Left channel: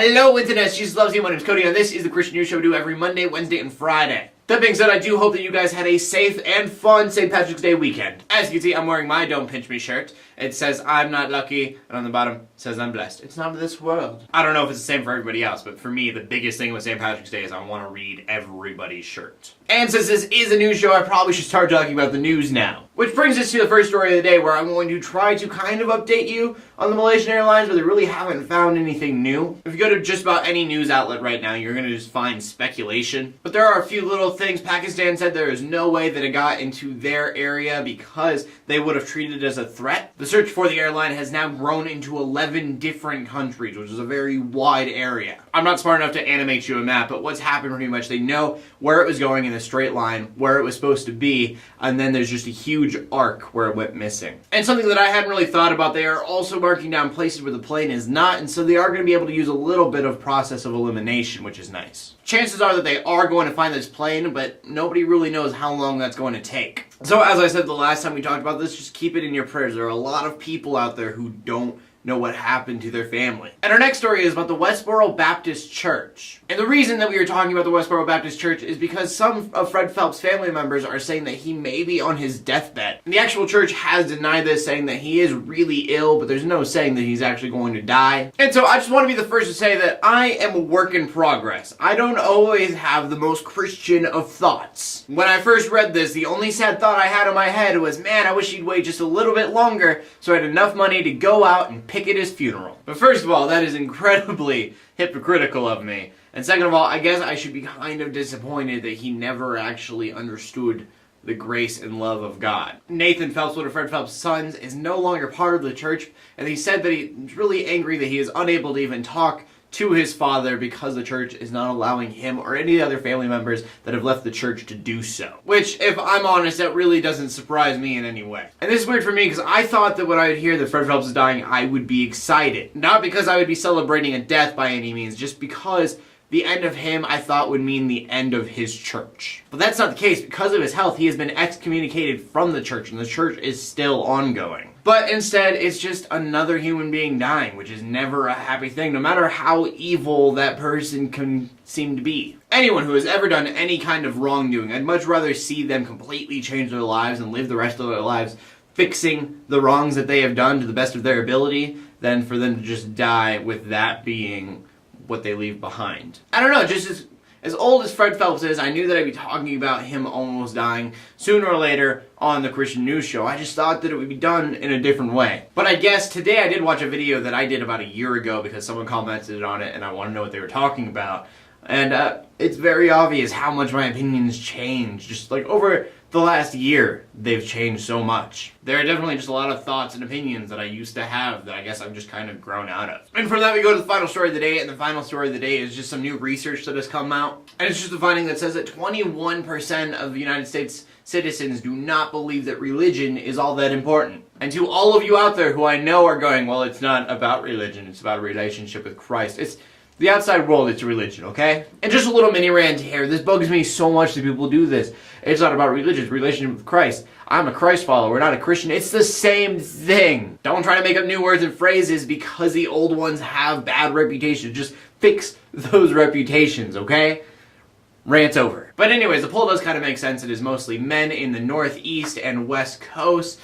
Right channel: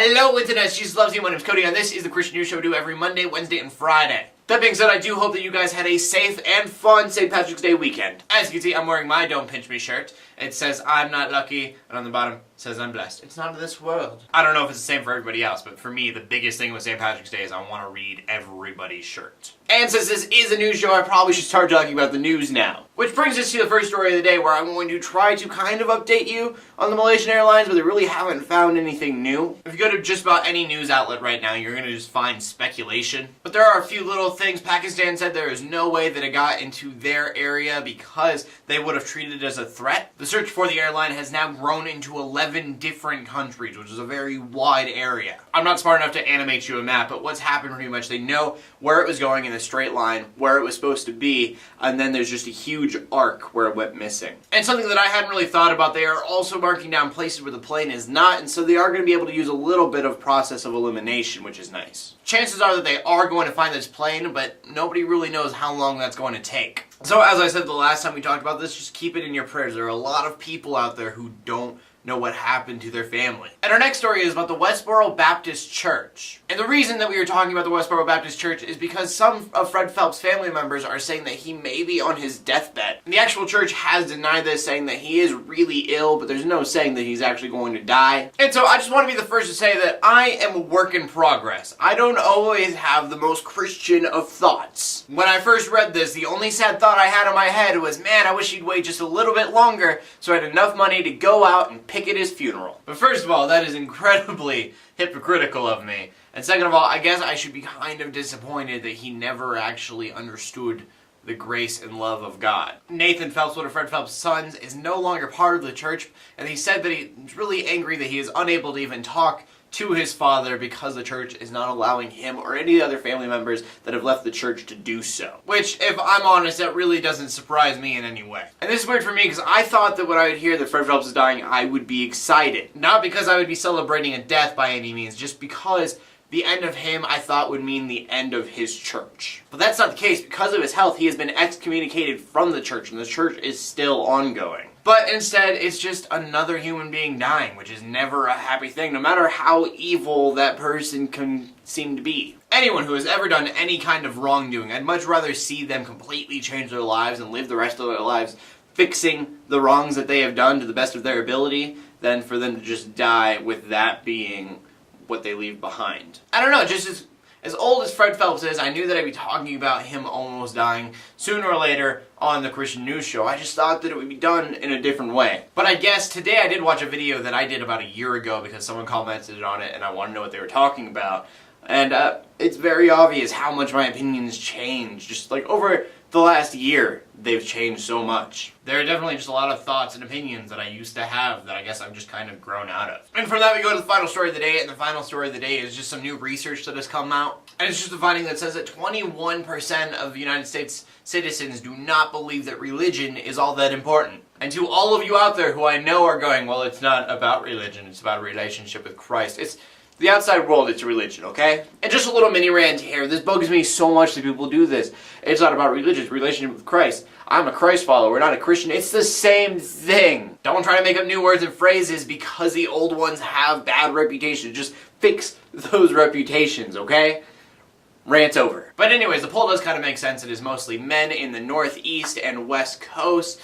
Hello Internet, Jesus loves you. My name is Cody and this is the Christian News Show we do every Monday, Wednesday, and Friday. That being said, I do hope that you guys had a safe and fun St. Patrick's Day weekend. As you can see, I'm wearing my Don't Pinch Me shirt. It says, I'm not lucky, and on the bottom, it says, I'm blessed. It's not of this world. I don't know if it's the same for everybody else, but for me, the biggest thing with St. Patrick's Day is I want to read everybody's shirt. And since this is a news show, I probably should start talking about the news now. Which brings us to the first story of the day, where I'm going to try to kind of update you on the Malaysian Airlines, but they really haven't found anything new. If you go to just about any news outlet right now, you're going to just find speculation. But there are a few little things. Pakistan said there is no way that it got into their area because they would have treated it as a threat. The search for the airline has now grown into 11 different countries, which is a very wide area. I'm not smart enough to animate you a map, but what's happened pretty much, they know where it was going in a straight line, where it was supposed to be, and then there's just a huge arc where it went missing. And something that I hadn't really thought about, they are also marking down places where the plane is not, and so they are going to be able to use a little bit of process of elimination, which is nice. Chances are that they are going to find this plane, but nobody really knows how long that's going to take. So as I said the last time we talked about this, just keep it in your prayers. There are a lot of people out there who don't know what happened to their family. And our next story is about the Westboro Baptist Church. And the reason that we are talking about the Westboro Baptist Church is because some of Fred Phelps' family members are saying that he may be on his deathbed. And the actual church has denied this, saying that he is really ill, but there's no saying that he's actually going to die. And so I just want to be the first to say that I am a work in progress. I don't always have the most Christian of thoughts. When I first read this, the only sad thought I had in my head was, man, I wish he'd wait just a little bit longer so I had enough money to go out and picket his funeral. But first of all, that is incredibly hypocritical of me. And second of all, I guess I should be kind of disappointed that he never actually understood the grace and love of God. Nathan Phelps, one of Fred Phelps' sons, is no longer part of the church, and he said that he's really angry that he is unable to even talk to his father because the church is not allowing him or any other family members that have left the church to do so. Which, if I'm honest, that really doesn't surprise me in any way. And this is weird for me because I thought that when I would hear that Fred Phelps is dying, I would be excited. Not because I would be celebrating a death by any means, just because the end of him, I thought, would mean the end of his church. But that's not the case. Because of his health, he has been excommunicated from the church, and the church is still ongoing. But instead, it's just another human being dying, which is never a happy thing, no matter how evil that person can seem to be. Anyone who has ever done any kind of wrongdoing, I'd much rather see them completely change their lives and live the rest of their lives fixing the wrongs that they have done to the best of their ability than for them to just die with that being what they leave behind. I don't know, just as old as Fred Phelps is, I knew that I'd be talking about him almost dying sooner or later on the Christian News Show. I just thought that it would be done in a different way. But I guess today I did watch a video that I did about a year ago because someone commented on it and I wanted to know what they were talking about. And it's very obvious how much my opinions changed. Just like over the last year, they've changed so much. There are definitely just a lot of thoughts and opinions that I used to have that I guess I've just kind of grown out of. And from that we go to the final story of the day, and the final story of the day is just some new research that has come out. And it's just a finding that says that 21% of the United States citizens do not believe that religion is all that important. And to all of you out there who I know are going, well, it's not about religion, it's about a relationship with Christ. It's the outside world, it's religion, okay? And just a little mini rant here. This bugs me so much that people do this. It's not about religion, it's relationship with Christ. I'm a Christ follower, not a Christian. It's the same thing. Don't try to make up new words and phrases because the old ones have bad reputations. Just fix those reputations, okay? Rant's over. But anyways, the poll does kind of make sense. It is mostly men in the Northeast and West Coast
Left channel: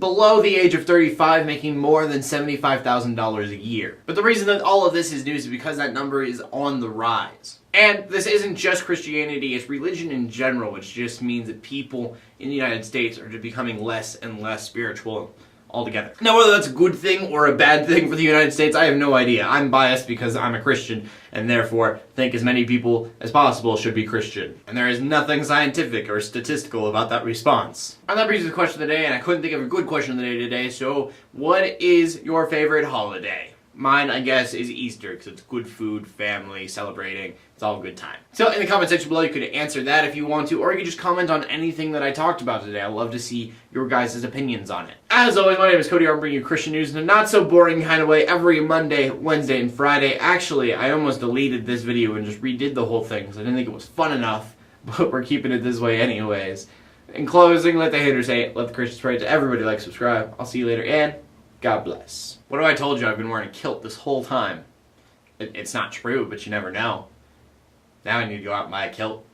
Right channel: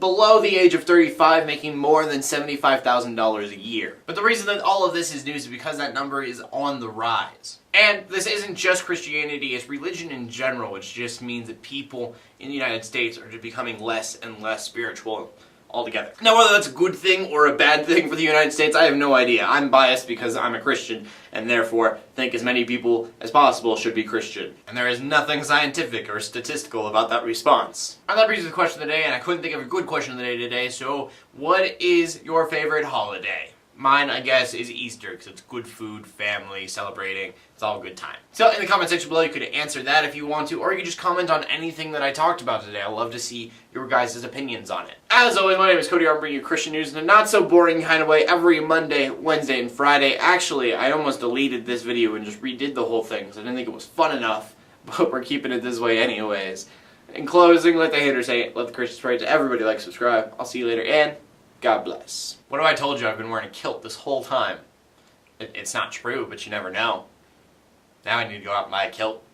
below the age of 35 making more than $75,000 a year. But the reason that all of this is news is because that number is on the rise. And this isn't just Christianity, it's religion in general, which just means that people in the United States are just becoming less and less spiritual altogether. Now, whether that's a good thing or a bad thing for the United States, I have no idea. I'm biased because I'm a Christian and therefore think as many people as possible should be Christian. And there is nothing scientific or statistical about that response. And that brings us to the question of the day, and I couldn't think of a good question of the day today, so what is your favorite holiday? Mine, I guess, is Easter, because it's good food, family, celebrating. It's all a good time. So in the comment section below, you could answer that if you want to, or you could just comment on anything that I talked about today. I'd love to see your guys' opinions on it. As always, my name is Cody. I'm bringing you Christian news in a not-so-boring kind of way every Monday, Wednesday, and Friday. Actually, I almost deleted this video and just redid the whole thing, because I didn't think it was fun enough, but we're keeping it this way anyways. In closing, let the haters hate, let the Christians pray. To everybody, like, subscribe. I'll see you later, and God bless. What if I told you I've been wearing a kilt this whole time? It's not true, but you never know. Now I need to go out and buy a kilt.